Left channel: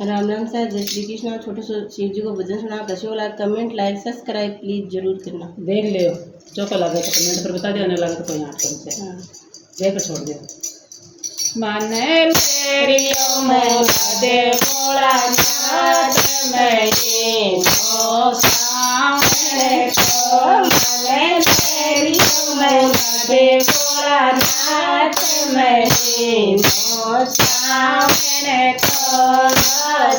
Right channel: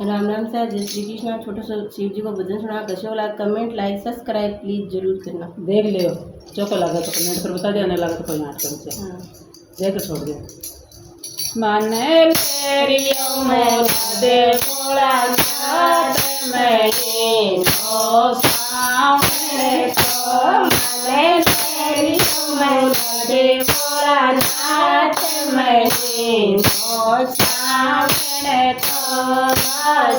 Ram Ram sir, जय श्री कृष्णा। छोटे से शिव जी को भजन सुना कैसे वाला कमेंट लाइक सब्सक्राइब प्लीज जरूर करना। देख लियो जो को लगे तो कमेंट पर बता दियो, नहीं लगे तो कोई याद कर से देख छोड़ दियो। माने लेरियो मोला दे भोला नाथ मेरी ओ सामने को माने लेरियो मोला दे भोला नाथ मेरी ओ सामने को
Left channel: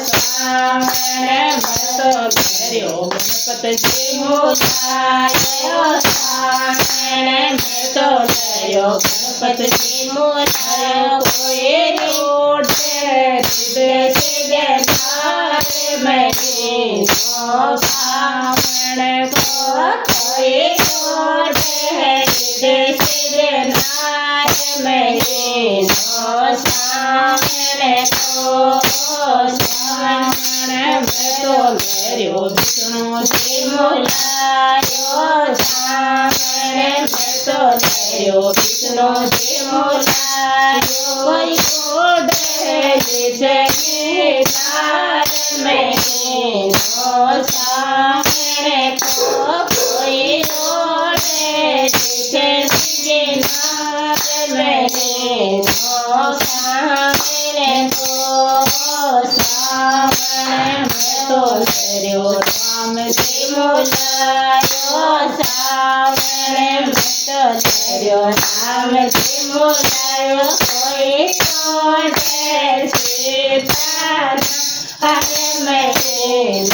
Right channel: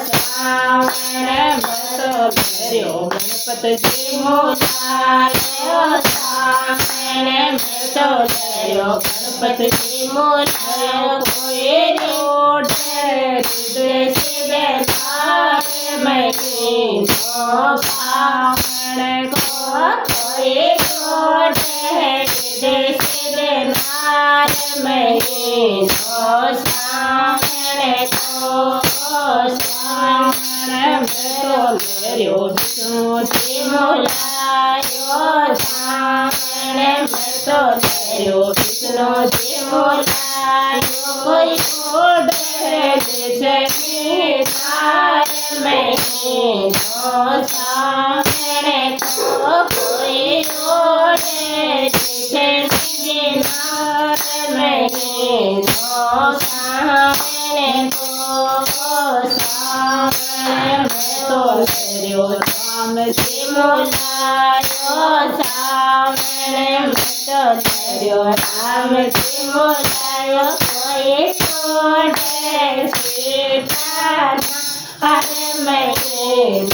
सामने मतो लेरियो गणपति मोलायो सामने मतो लेरियो गणपति मोलायो कोई रोटे देश के नारे मेरी तो सामने को कोई रोटे देश के नारे मेरी तो सामने को सामने तो लेरियो विष्णु जी मोलायो सामने तो लेरियो विष्णु जी मोलायो कोई ओढ़े जैसे मीठार मेरी तो सामने को कोई ओढ़े जैसे मीठार मेरी तो सामने को सामने तो लेरियो राम जी मोलायो सामने तो लेरियो राम जी मोलायो कोई ओढ़े सीता अरे मेरे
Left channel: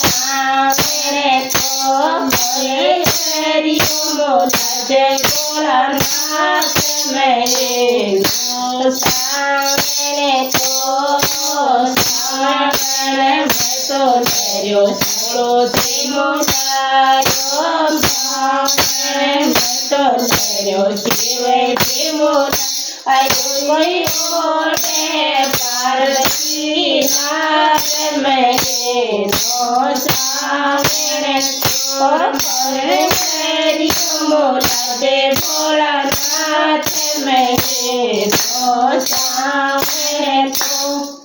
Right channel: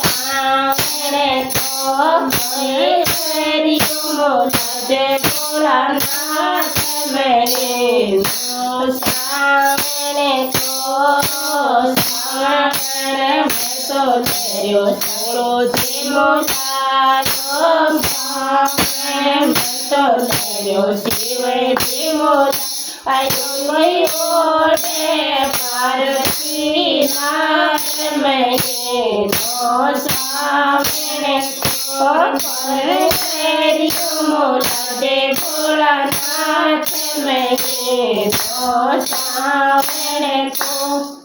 सामने तो लेरियो मोला दे भोला नाथ मेरे सामने तो सामने तो लेरियो सोलो जी मोलायो सामने तो लेरियो शिव जी मोलायो कोई ओढ़े पार्वती नाथ मेरे तो सामने तो लेरियो मोला दे भोला नाथ मेरे तो सामने तो